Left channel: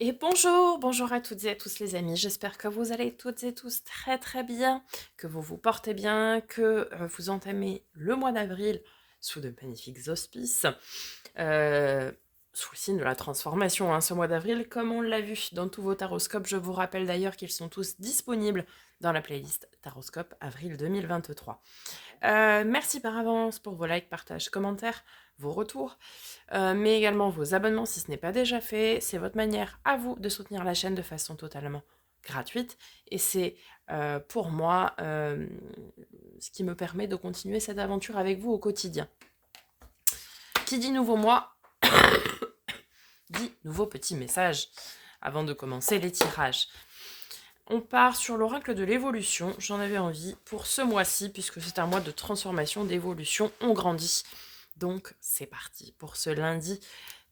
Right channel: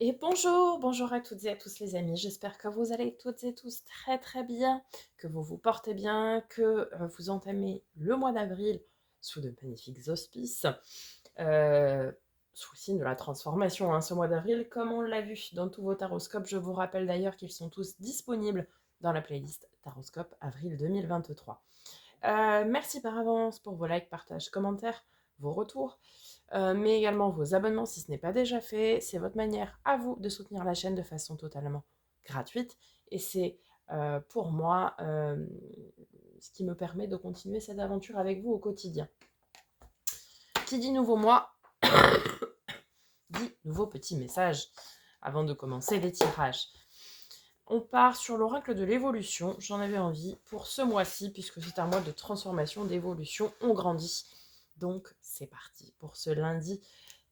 Et bonjour, bonjour à toutes et à tous les amis, j'espère que vous allez toutes et tous très très bien, que vous vous portez bien, que vous entamez le mois d'avril sous de magnifiques auspices, euh, sous le signe de la transformation, hein, ce mois d'avril, comme on l'a vu dans tous vos taroscopes. Je vous rappelle d'ailleurs qu'ils sont tous disponibles dans la playlist Taroscope Avril 2023. Merci par avance pour vos likes, partages, commentaires, vos retours, mais également vos abonnements si ce n'est pas déjà fait. C'est votre manière à vous de soutenir la chaîne de façon totalement gratuite. Et c'est pour moi ce qui me permet de continuer cette aventure avec vous au quotidien. Qui dit nouveau mois, dit nouveau petit message avant de commencer les tirages. On part sur l'oracle de l'évolution. J'en avais envie pour ce mois-ci, puisque c'est un mois de transformation, d'évolution. On grandit. Donc, c'est parti pour ce lundi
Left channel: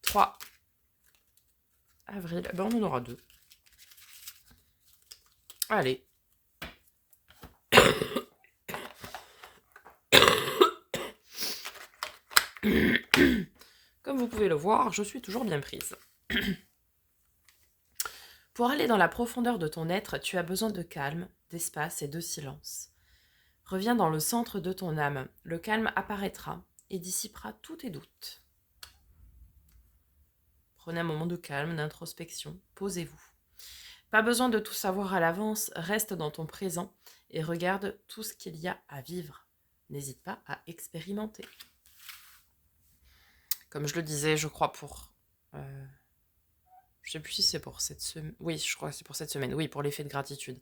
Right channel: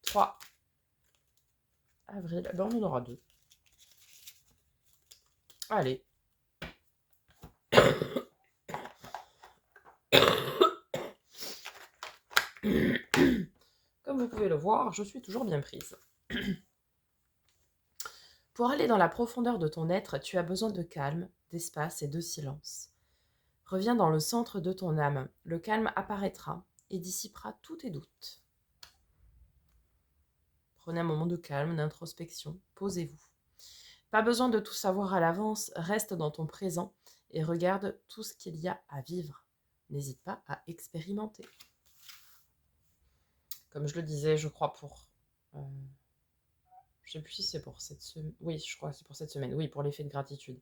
3 avril. Ben, on en aura deux. Allez. Comme vous pouvez le voir, je suis toujours bien prise. Pour aller dans la profondeur de ton être, tu as besoin de calme, d'espace et de silence. Reviens dans le centre de ton âme. Le calme apparaîtra et dissipera tous tes doutes. Prenez un moment de calme, d'introspection. Posez-vous. Pas besoin de tout savoir à l'avance, reste dans ton présent et regarde tout ce qu'il y a à vivre. N'hésite pas à expérimenter. Comme je le disais, je crois pour... je sais plus si c'est pour cette semaine. Oui, je crois que c'est pour cette semaine. Oui, pour l'effet de gratitude.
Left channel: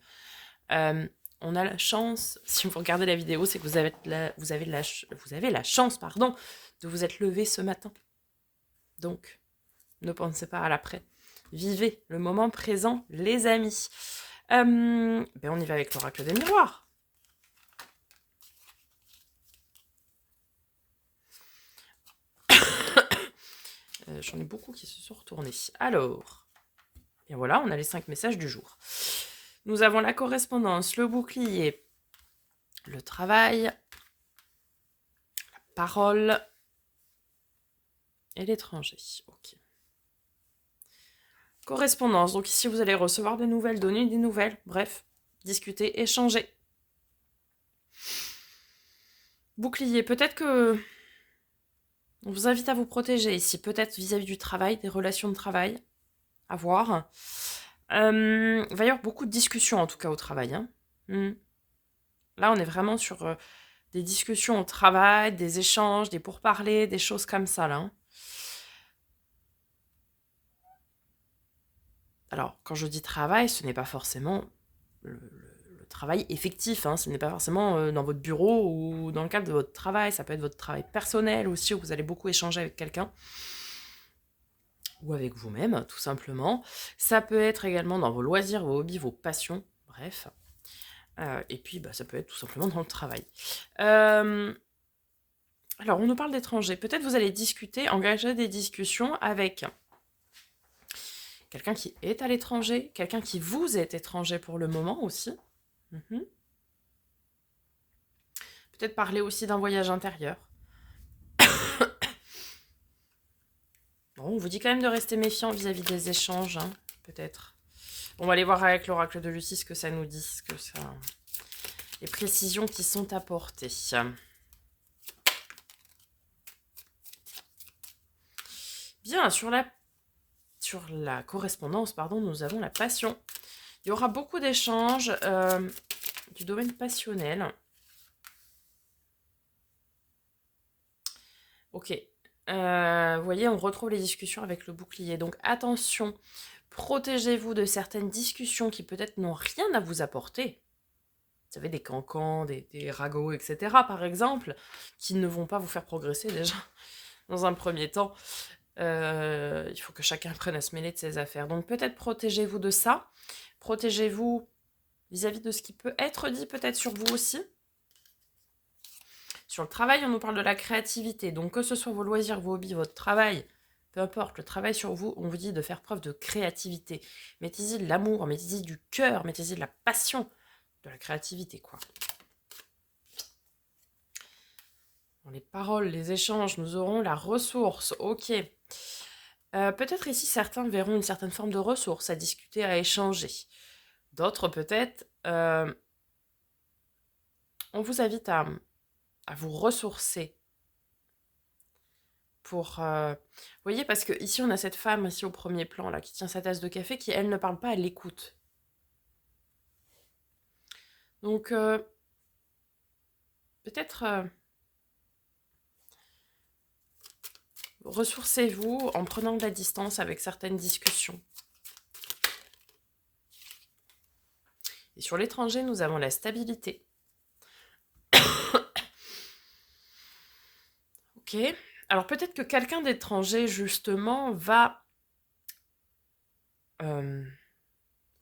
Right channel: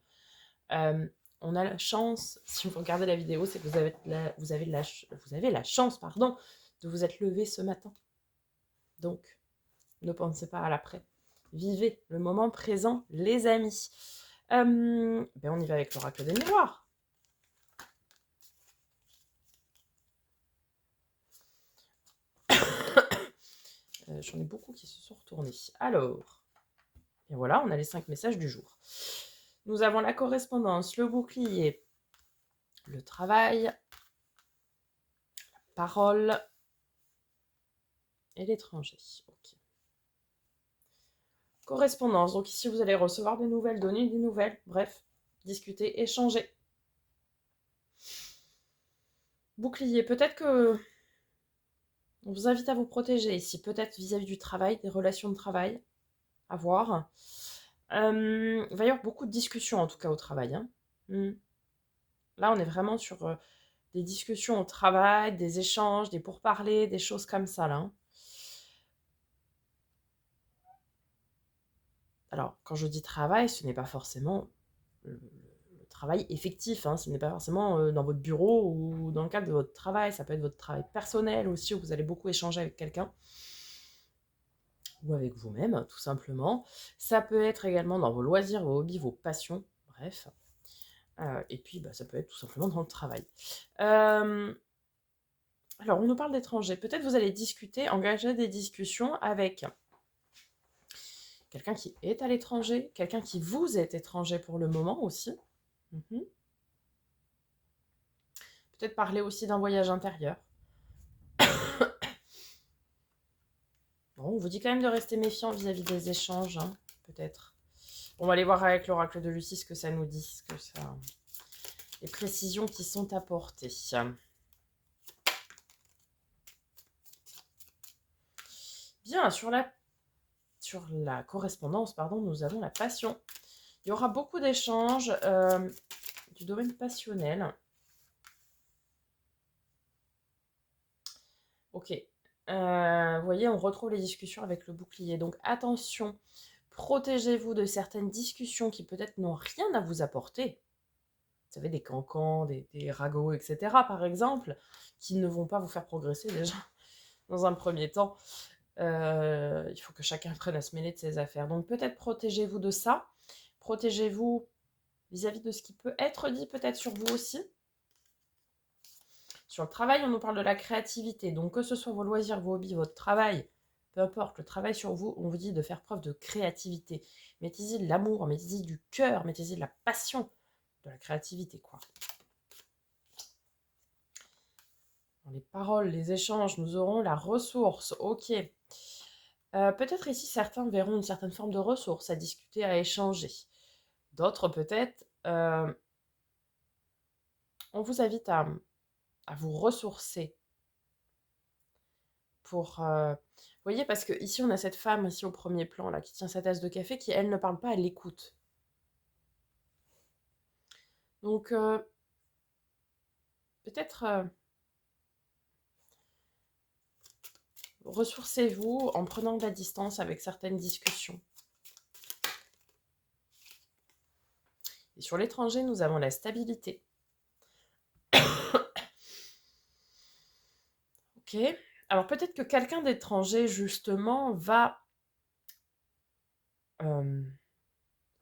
On a la chance, si vous regardez la vidéo, c'est que vous avez la chance, pardon, de vous être levé ce matin. Donc, ne pensez pas à l'après. Vivez le moment présent, les amis. On y va avec l'oracle des miroirs. J'en ai beaucoup qui se sont retournés. Alors, et voilà, on a les 5 messages du jour. Nous avons la correspondance, le bouclier, le travail, la parole et l'étranger. Ok. Correspondance, donc ici vous allez recevoir des nouvelles, donner des nouvelles, bref, discuter, échanger. Bouclier, peut-être que on vous invite à vous protéger ici, peut-être vis-à-vis du travail, des relations de travail, à voir. Il va y avoir beaucoup de discussions en tout cas au travail. Hein. Là, on est vraiment sur des discussions au travail, des échanges, des pourparlers, des choses comme ça. Là. Hein. Alors, quand je dis travail, ce n'est pas forcément le travail effectif. Hein. Ce n'est pas forcément dans votre bureau ou dans le cadre de votre travail. Ça peut être votre travail personnel aussi, où vous allez beaucoup échanger avec quelqu'un. Ou avec vous-même, tout simplement. Ça peut être également dans vos loisirs, vos hobbies, vos passions. Bref. Et puis, ça peut être tout simplement dans le travail. Alors, on nous parle d'étrangers. Peut-être vous allez discuter, engager des discussions avec quelqu'un qui est à l'étranger, quelqu'un qui vous est étranger pour le moment aussi. Peut-être parler aussi d'un voyage intérieur. Bon, on vous dit quand même de rester méfiant vis-à-vis des échanges, hein, peut-être. On va aller voir avec l'oracle de Lucie ce que ça nous dit, les précisions qui sont apportées. Bien, sur la correspondance, pardon, nous avons la passion. Il y aura beaucoup d'échanges du domaine passionnel. Ok. Vous voyez, on retrouve les discussions avec le bouclier. Donc attention, protégez-vous de certaines discussions qui peut-être n'ont rien à vous apporter. Vous savez, des cancans, des ragots, etc. par exemple, qui ne vont pas vous faire progresser déjà dans un premier temps. Il faut que chacun prenne à se mêler de ses affaires. Donc peut-être protégez-vous de ça. Protégez-vous vis-à-vis de ce qui peut être dit peut-être sur vous aussi. Sur le travail, on nous parle de la créativité. Donc que ce soit vos loisirs, vos hobbies, votre travail, peu importe, le travail sur vous, on vous dit de faire preuve de créativité. Mettez-y de l'amour, mettez-y du cœur, mettez-y de la passion, de la créativité, quoi. Dans les paroles, les échanges, nous aurons la ressource. Ok. Peut-être ici, certains verront une certaine forme de ressources à discuter, à échanger. D'autres, peut-être, on vous invite à vous ressourcer pour... Vous voyez, parce que ici, on a cette femme, ici au premier plan, là, qui tient sa tasse de café, qui, elle, ne parle pas, elle l'écoute. Donc, peut-être ressourcez-vous en prenant de la distance avec certaines discussions. Et sur l'étranger, nous avons la stabilité. Ok. Alors peut-être que quelqu'un d'étranger, justement, va... quand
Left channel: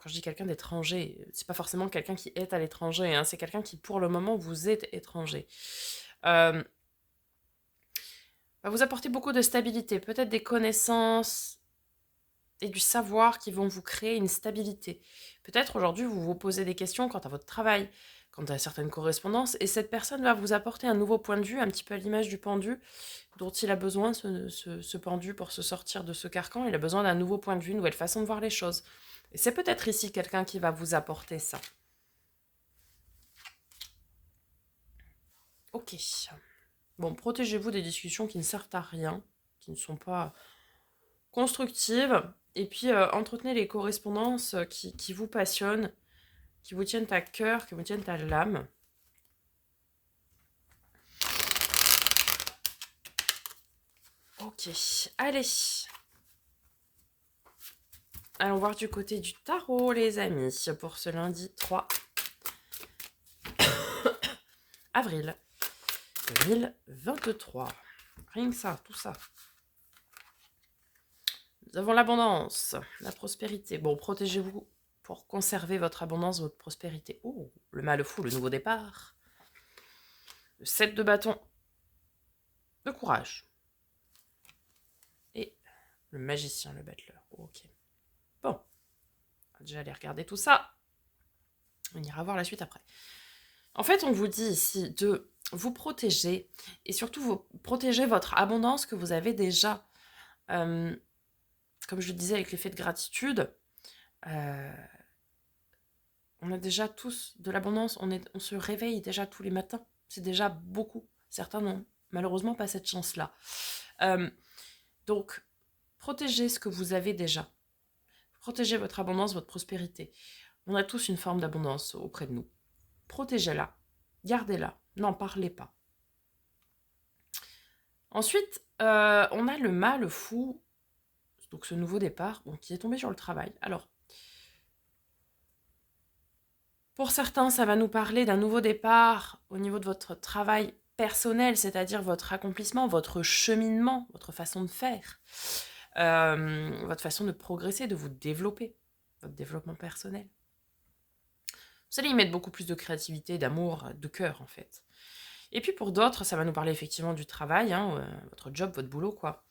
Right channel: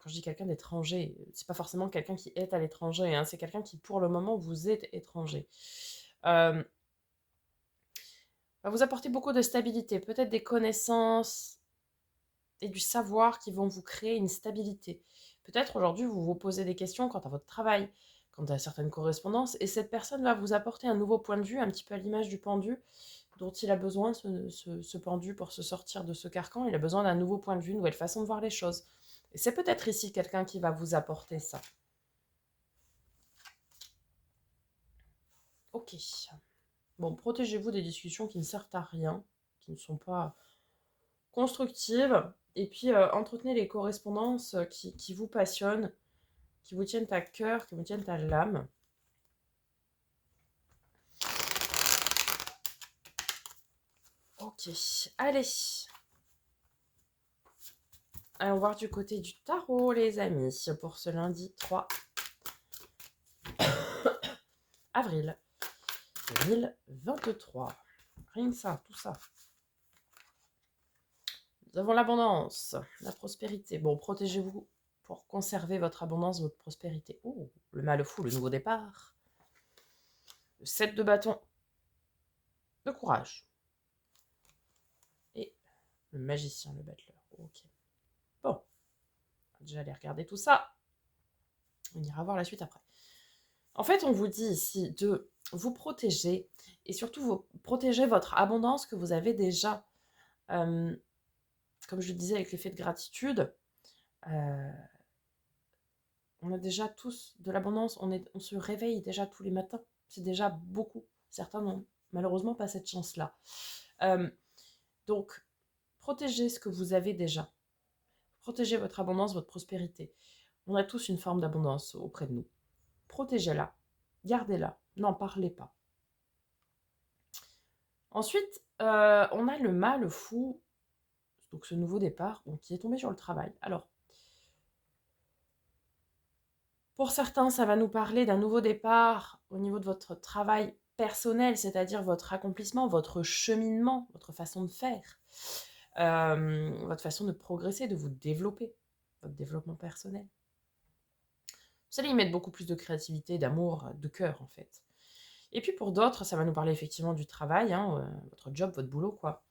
je dis quelqu'un d'étranger, c'est pas forcément quelqu'un qui est à l'étranger, hein, c'est quelqu'un qui, pour le moment, vous est étranger. Va vous apporter beaucoup de stabilité, peut-être des connaissances et du savoir qui vont vous créer une stabilité. Peut-être aujourd'hui, vous vous posez des questions quant à votre travail, quant à certaines correspondances, et cette personne va vous apporter un nouveau point de vue, un petit peu à l'image du pendu, dont il a besoin, ce pendu, pour se sortir de ce carcan. Il a besoin d'un nouveau point de vue, une nouvelle façon de voir les choses. Et c'est peut-être ici quelqu'un qui va vous apporter ça. Ok. Bon, protégez-vous des discussions qui ne servent à rien, qui ne sont pas constructives. Et puis, entretenez les correspondances qui vous passionnent, qui vous tiennent à cœur, qui vous tiennent à l'âme. Ok, allez. Allons voir du côté du tarot, les amis, pour ce lundi 3 avril 2023. Rien que ça, tout ça. Nous avons l'abondance, la prospérité. Bon, protégez-vous pour conserver votre abondance, votre prospérité. Oh, le mal fou, le nouveau départ. Le 7 de bâton. Le courage. Et le magicien, le battleur. Ok. Bon. On va déjà aller regarder tout ça. On ira voir la suite après. En fait, on vous dit ici de vous protéger et surtout vous protéger votre abondance que vous avez déjà. Comme je le disais avec l'effet de gratitude, on a déjà tous de l'abondance, on se réveille déjà tous les matins. C'est déjà beaucoup. Certains n'ont malheureusement pas cette chance-là. Donc, protégez ce que vous avez déjà. Protégez votre abondance, votre prospérité. On a tous une forme d'abondance auprès de nous. Protégez-la. Gardez-la. N'en parlez pas. Ensuite, on a le mal fou, donc ce nouveau départ, qui est tombé sur le travail. Alors, pour certains, ça va nous parler d'un nouveau départ au niveau de votre travail personnel, c'est-à-dire votre accomplissement, votre cheminement, votre façon de faire, votre façon de progresser, de vous développer, votre développement personnel. Vous allez y mettre beaucoup plus de créativité, d'amour, de cœur en fait. Et puis pour d'autres, ça va nous parler effectivement du travail, votre job, votre boulot, quoi.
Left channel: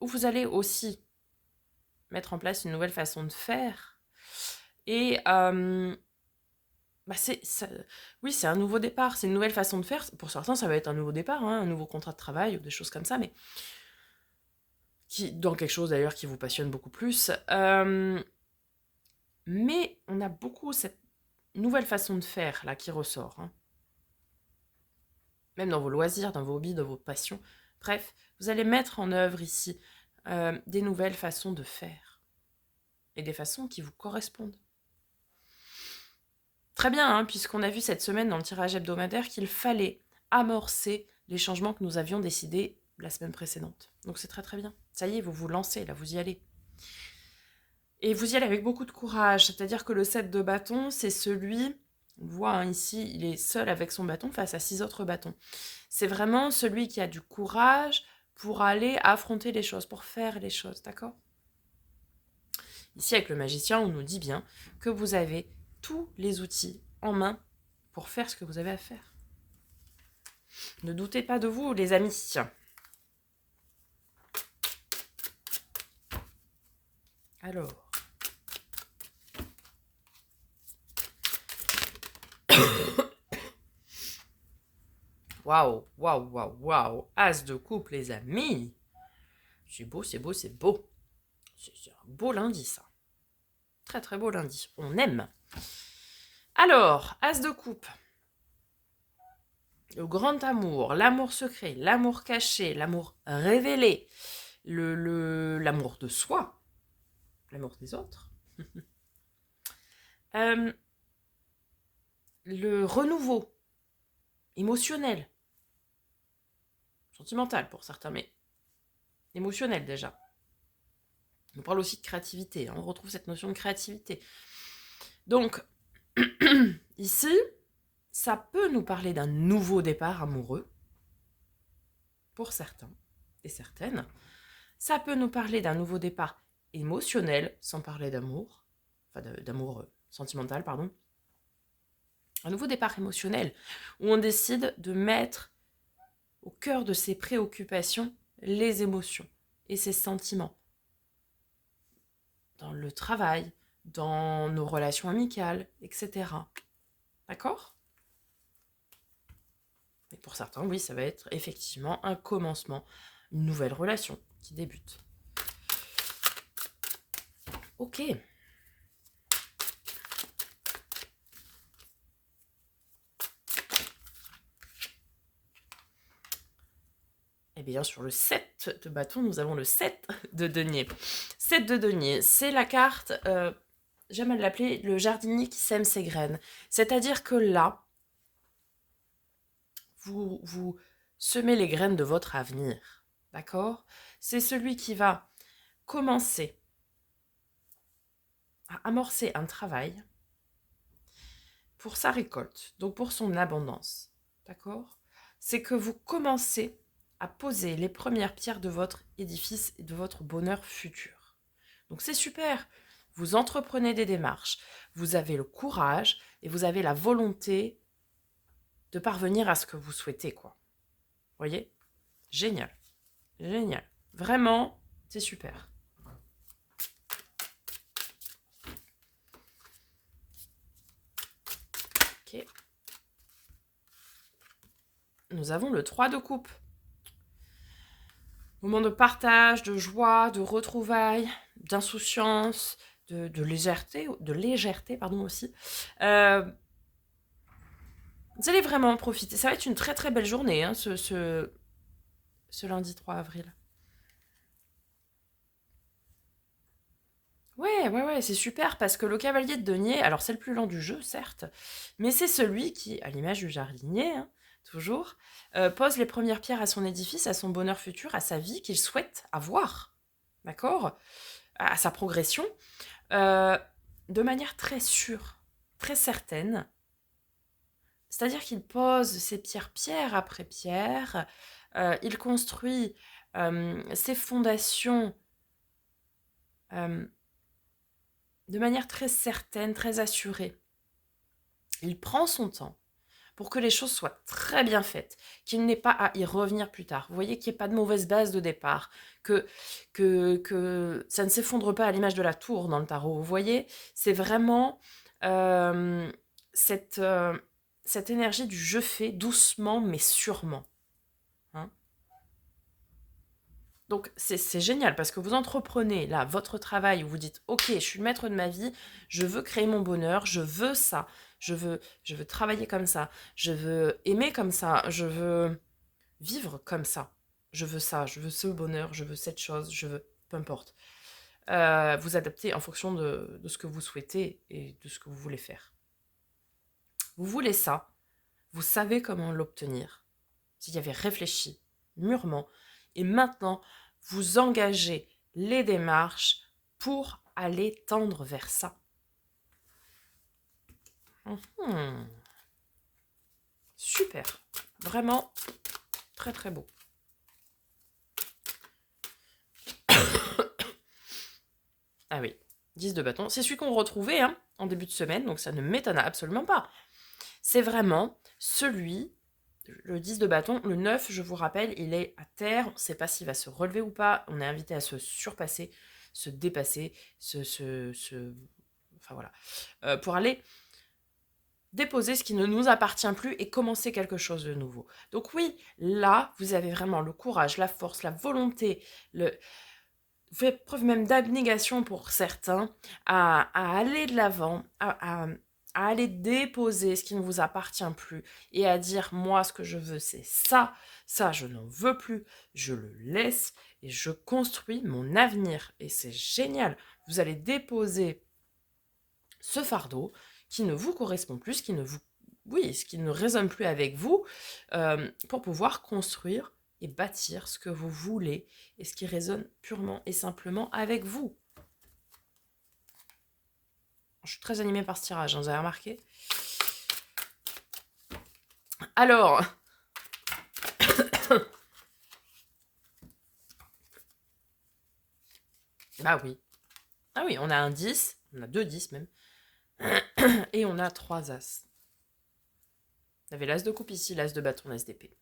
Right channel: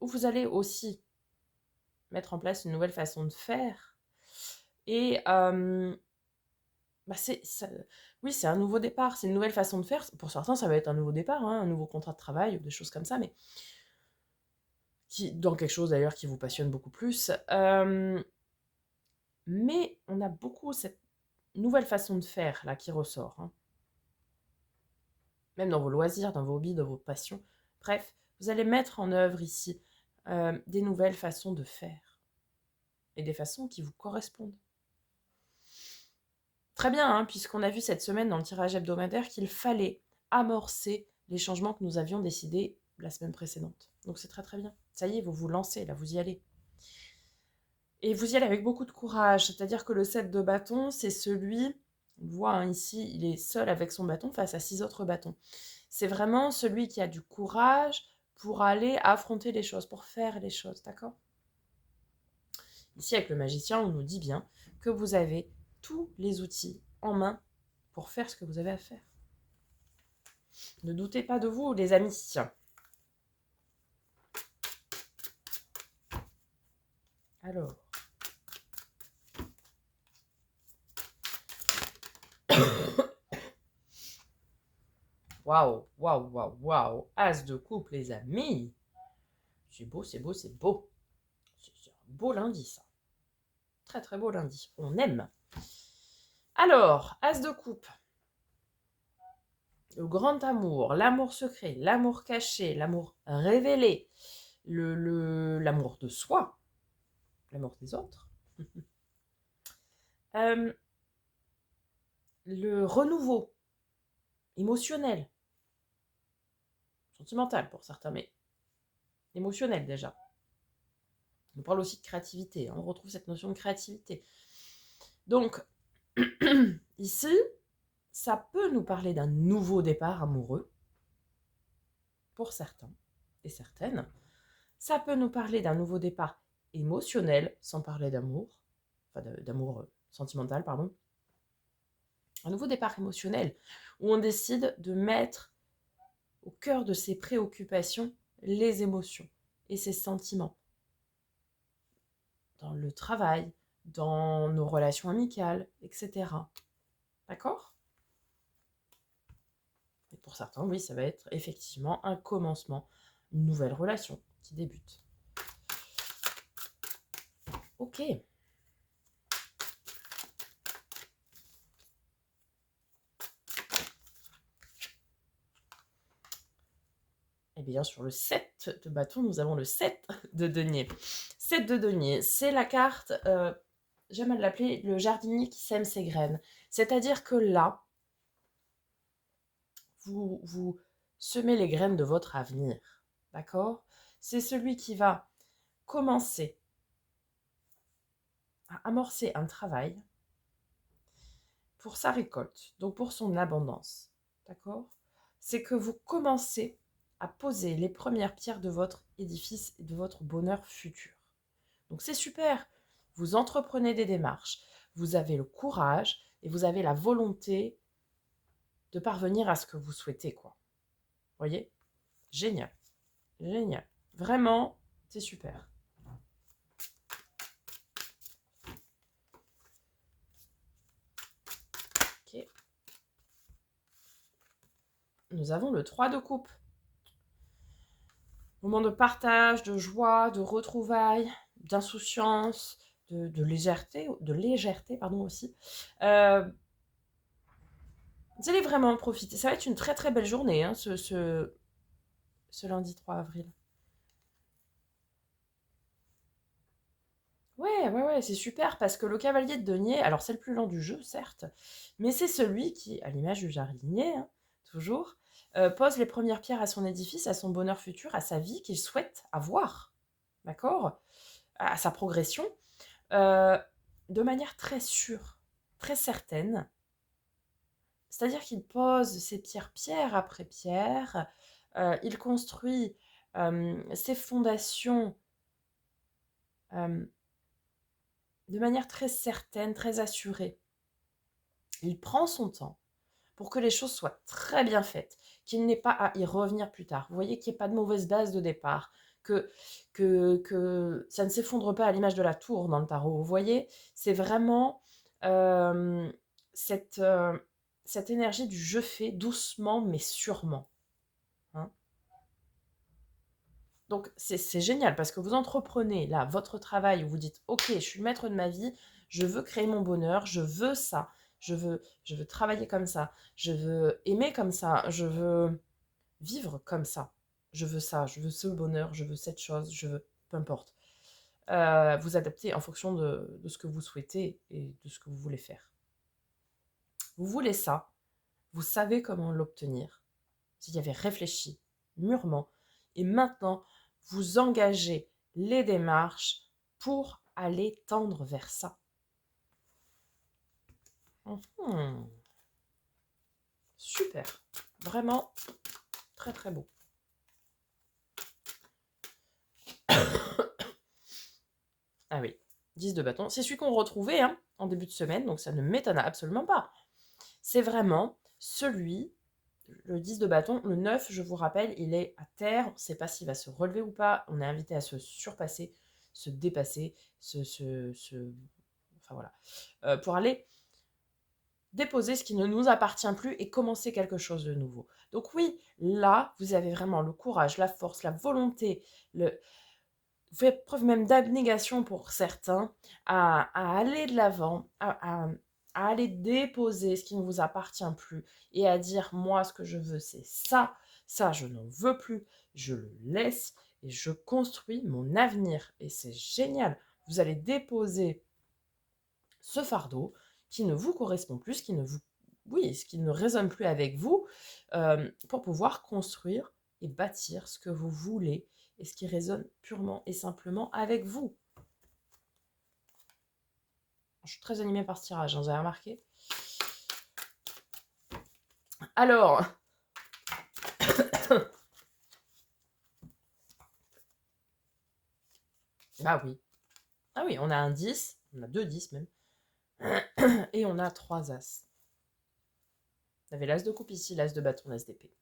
Où vous allez aussi mettre en place une nouvelle façon de faire. Et oui, c'est un nouveau départ, c'est une nouvelle façon de faire. Pour certains, ça va être un nouveau départ, un nouveau contrat de travail ou des choses comme ça, mais dans quelque chose d'ailleurs qui vous passionne beaucoup plus. Mais on a beaucoup cette nouvelle façon de faire là qui ressort. Même dans vos loisirs, dans vos hobbies, dans vos passions. Bref, vous allez mettre en œuvre ici des nouvelles façons de faire. Et des façons qui vous correspondent. Très bien, puisqu'on a vu cette semaine dans le tirage hebdomadaire qu'il fallait amorcer les changements que nous avions décidés la semaine précédente. Donc c'est très très bien. Ça y est, vous vous lancez, là, vous y allez. Et vous y allez avec beaucoup de courage, c'est-à-dire que le 7 de bâton, c'est celui, on le voit ici, il est seul avec son bâton face à 6 autres bâtons. C'est vraiment celui qui a du courage pour aller affronter les choses, pour faire les choses, d'accord ? Ici, avec le magicien, on nous dit bien que vous avez tous les outils en main pour faire ce que vous avez à faire. Ne doutez pas de vous, les amis. Alors. Waouh, waouh, waouh, waouh. As de coupe, les amis. C'est beau, c'est beau, c'est beau. C'est un beau lundi, ça. Très, très beau lundi. On aime. Alors, As de coupe. Le grand amour, l'amour secret, l'amour caché, l'amour révélé, l'amour de soi, l'amour des autres. Le renouveau émotionnel, sentimental pour certains, mais émotionnel déjà. On parle aussi de créativité, hein, on retrouve cette notion de créativité. Donc, ici, ça peut nous parler d'un nouveau départ amoureux, pour certains et certaines. Ça peut nous parler d'un nouveau départ émotionnel, sans parler d'amour, enfin d'amour sentimental, pardon. Un nouveau départ émotionnel, où on décide de mettre au cœur de ses préoccupations les émotions et ses sentiments. Dans le travail, dans nos relations amicales, etc. D'accord ? Et pour certains, oui, ça va être effectivement un commencement, une nouvelle relation qui débute. Ok. Et bien sur le 7 de bâton, nous avons le 7 de denier. 7 de denier, c'est la carte, j'aime l'appeler le jardinier qui sème ses graines. C'est-à-dire que là, vous semez les graines de votre avenir. D'accord ? C'est celui qui va commencer à amorcer un travail pour sa récolte, donc pour son abondance. D'accord ? C'est que vous commencez à poser les premières pierres de votre édifice et de votre bonheur futur. Donc c'est super. Vous entreprenez des démarches, vous avez le courage et vous avez la volonté de parvenir à ce que vous souhaitez, quoi. Voyez ? Génial. Génial. Vraiment, c'est super. Ok. Nous avons le 3 de coupe. Moment de partage, de joie, de retrouvailles, d'insouciance, de légèreté pardon, aussi. Vous allez vraiment en profiter. Ça va être une très très belle journée, hein, ce lundi 3 avril. Ouais, c'est super parce que le cavalier de denier, alors c'est le plus lent du jeu, certes, mais c'est celui qui, à l'image du jardinier, hein, toujours, pose les premières pierres à son édifice, à son bonheur futur, à sa vie qu'il souhaite avoir, d'accord ? À sa progression, euh, de manière très sûre, très certaine. C'est-à-dire qu'il pose ses pierres pierre après pierre, il construit ses fondations de manière très certaine, très assurée. Il prend son temps pour que les choses soient très bien faites, qu'il n'ait pas à y revenir plus tard. Vous voyez qu'il n'y ait pas de mauvaise base de départ, que ça ne s'effondre pas à l'image de la tour dans le tarot. Vous voyez, c'est vraiment euh, cette, euh, cette énergie du je fais doucement mais sûrement. Hein. Donc c'est génial parce que vous entreprenez là votre travail où vous dites ok, je suis le maître de ma vie, je veux créer mon bonheur, je veux ça, je veux travailler comme je veux aimer comme ça, je veux vivre comme ça, je veux ça, je veux ce bonheur, je veux cette chose, je veux peu importe. Vous adaptez en fonction de ce que vous souhaitez et de ce que vous voulez faire. Vous voulez ça, vous savez comment l'obtenir. S'il y avait réfléchi mûrement et maintenant vous engagez les démarches pour aller tendre vers ça. Super, vraiment très très beau. Ah oui, 10 de bâton, c'est celui qu'on retrouvait hein, en début de semaine, donc ça ne m'étonne absolument pas. C'est vraiment celui, le 10 de bâton, le 9, je vous rappelle, il est à terre, on ne sait pas s'il va se relever ou pas, on est invité à se surpasser, se dépasser, enfin voilà, pour aller déposer ce qui ne nous appartient plus et commencer quelque chose de nouveau. Donc oui, là, vous avez vraiment le courage, la force, la volonté, vous faites preuve même d'abnégation pour certains à aller de l'avant, à aller déposer ce qui ne vous appartient plus et à dire, moi, ce que je veux, c'est ça, ça, je n'en veux plus, je le laisse et je construis mon avenir. Et c'est génial. Vous allez déposer ce fardeau qui ne vous correspond plus, qui ne vous, oui, ce qui ne résonne plus avec vous, pour pouvoir construire et bâtir ce que vous voulez et ce qui résonne purement et simplement avec vous. Je suis très animée par ce tirage, hein, vous avez remarqué. Alors, bah oui. Ah oui, on a un 10, on a 2 10 même, et on a 3 as. Vous avez l'as de coupe ici, l'as de bâton, l'as d'épée.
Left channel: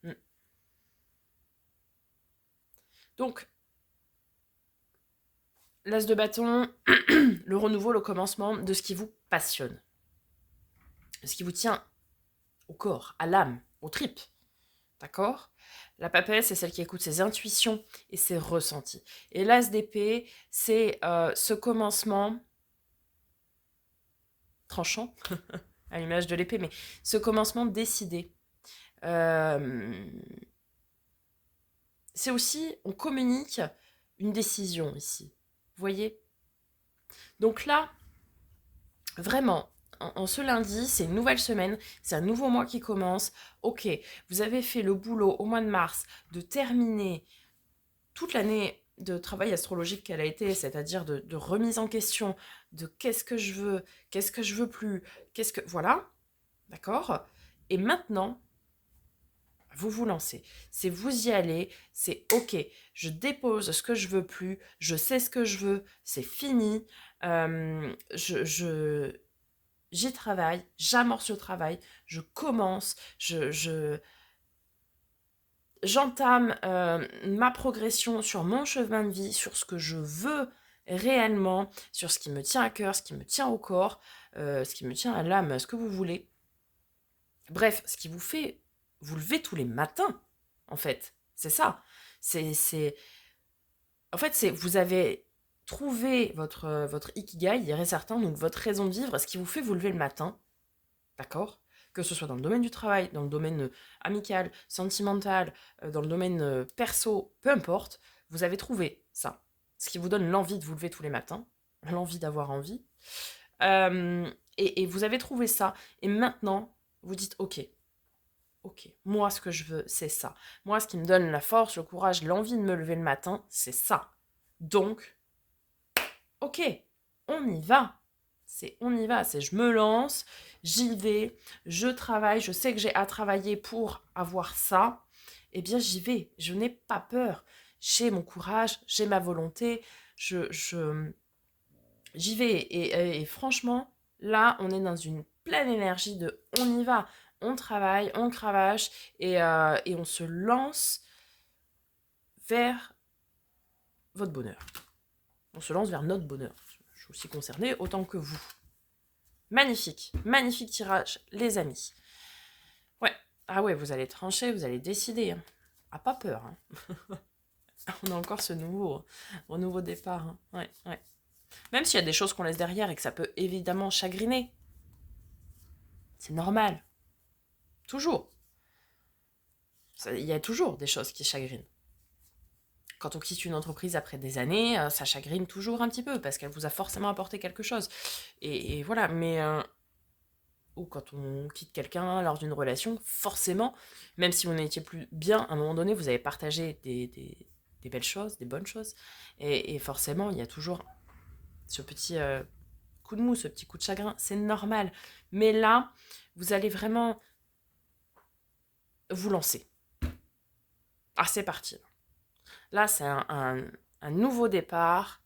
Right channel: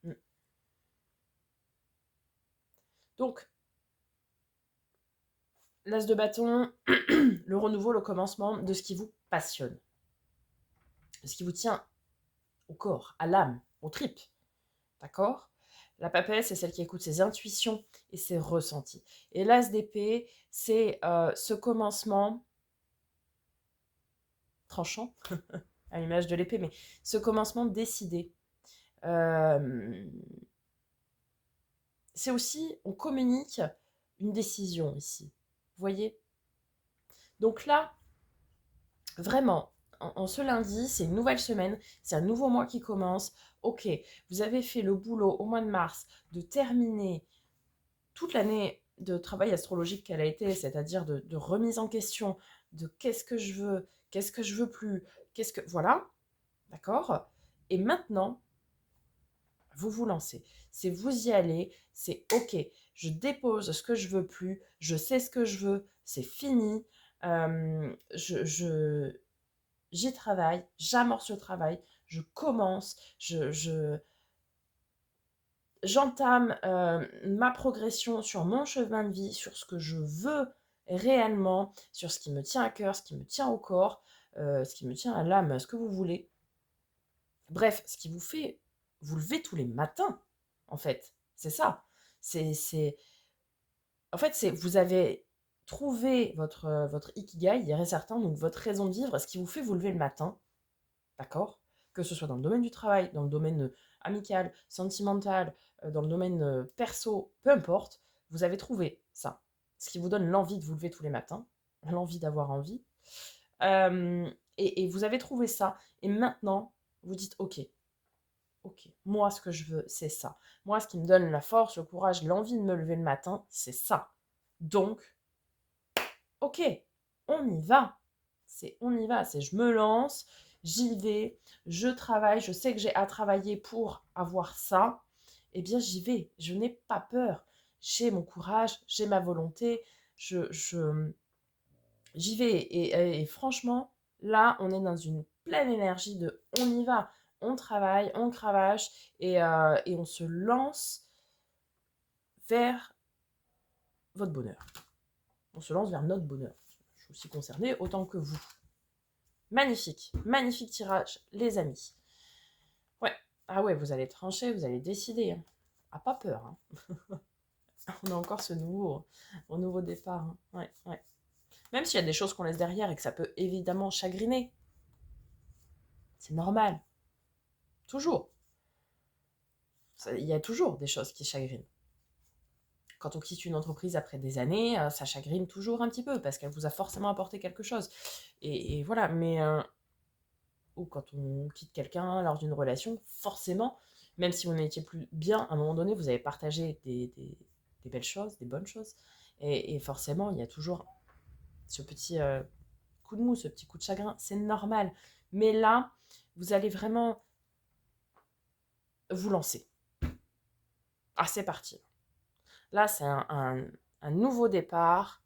Donc, l'as de bâton, le renouveau, le commencement de ce qui vous passionne, de ce qui vous tient au corps, à l'âme, aux tripes. D'accord? La papesse, c'est celle qui écoute ses intuitions et ses ressentis. Et l'as d'épée, c'est ce commencement tranchant, à l'image de l'épée, mais ce commencement décidé. C'est aussi, on communique une décision ici. Vous voyez? Donc là, vraiment, en ce lundi, c'est une nouvelle semaine, c'est un nouveau mois qui commence. Ok, vous avez fait le boulot au mois de mars de terminer toute l'année de travail astrologique qu'elle a été, c'est-à-dire de remise en question, de qu'est-ce que je veux plus, qu'est-ce que... Voilà, d'accord? Et maintenant, vous vous lancez. C'est vous y allez, c'est ok, je dépose ce que je veux plus, je sais ce que je veux, c'est fini, j'y travaille, j'amorce le travail, je commence, j'entame ma progression sur mon chemin de vie, sur ce que je veux réellement, sur ce qui me tient à cœur, ce qui me tient au corps, ce qui me tient à l'âme, ce que vous voulez. Bref, ce qui vous fait vous lever tous les matins, en fait. C'est ça. En fait, vous avez trouvé votre ikigai, il y aurait certains, donc votre raison de vivre, ce qui vous fait vous lever le matin, d'accord? Que ce soit dans le domaine du travail, dans le domaine amical, sentimental, dans le domaine perso, peu importe, vous avez trouvé ça. Ce qui vous donne l'envie de vous lever tous les matins, l'envie d'avoir envie. Et vous avez trouvé ça. Et maintenant, vous dites, ok, moi ce que je veux, c'est ça. Moi ce qui me donne la force, le courage, l'envie de me lever le matin, c'est ça. Donc, ok, on y va. On y va, c'est je me lance, j'y vais, je travaille, je sais que j'ai à travailler pour avoir ça. Eh bien j'y vais, je n'ai pas peur. J'ai mon courage, j'ai ma volonté, j'y vais. Et franchement, là, on est dans une pleine énergie de on y va. On travaille, on cravache et on se lance vers votre bonheur. On se lance vers notre bonheur. Je suis aussi concernée autant que vous. Magnifique, magnifique tirage, les amis. Ouais, ah ouais, vous allez trancher, vous allez décider. Hein. Ah, pas peur. Hein. On a encore ce nouveau départ. Hein. Ouais, ouais. Même s'il y a des choses qu'on laisse derrière et que ça peut évidemment chagriner. C'est normal. Toujours. Il y a toujours des choses qui chagrinent. Quand on quitte une entreprise après des années, ça chagrine toujours un petit peu parce qu'elle vous a forcément apporté quelque chose. Et voilà, mais ou quand on quitte quelqu'un lors d'une relation, forcément, même si vous n'étiez plus bien, à un moment donné, vous avez partagé des belles choses, des bonnes choses. Et forcément, il y a toujours ce petit coup de mou, ce petit coup de chagrin. C'est normal. Mais là, vous allez vraiment vous lancer. Ah, c'est parti. Là, c'est un nouveau départ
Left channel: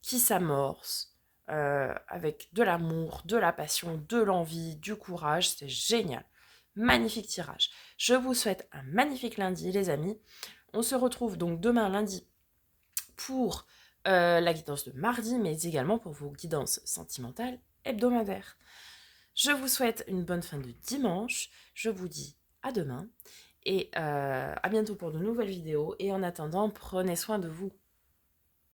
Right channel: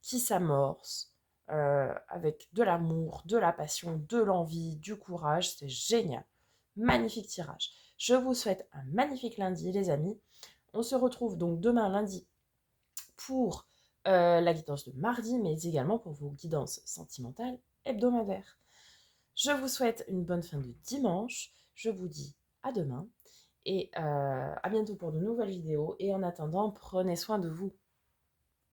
qui s'amorce avec de l'amour, de la passion, de l'envie, du courage. C'est génial. Magnifique tirage. Je vous souhaite un magnifique lundi, les amis. On se retrouve donc demain lundi pour la guidance de mardi, mais également pour vos guidances sentimentales hebdomadaires. Je vous souhaite une bonne fin de dimanche. Je vous dis à demain et à bientôt pour de nouvelles vidéos. Et en attendant, prenez soin de vous.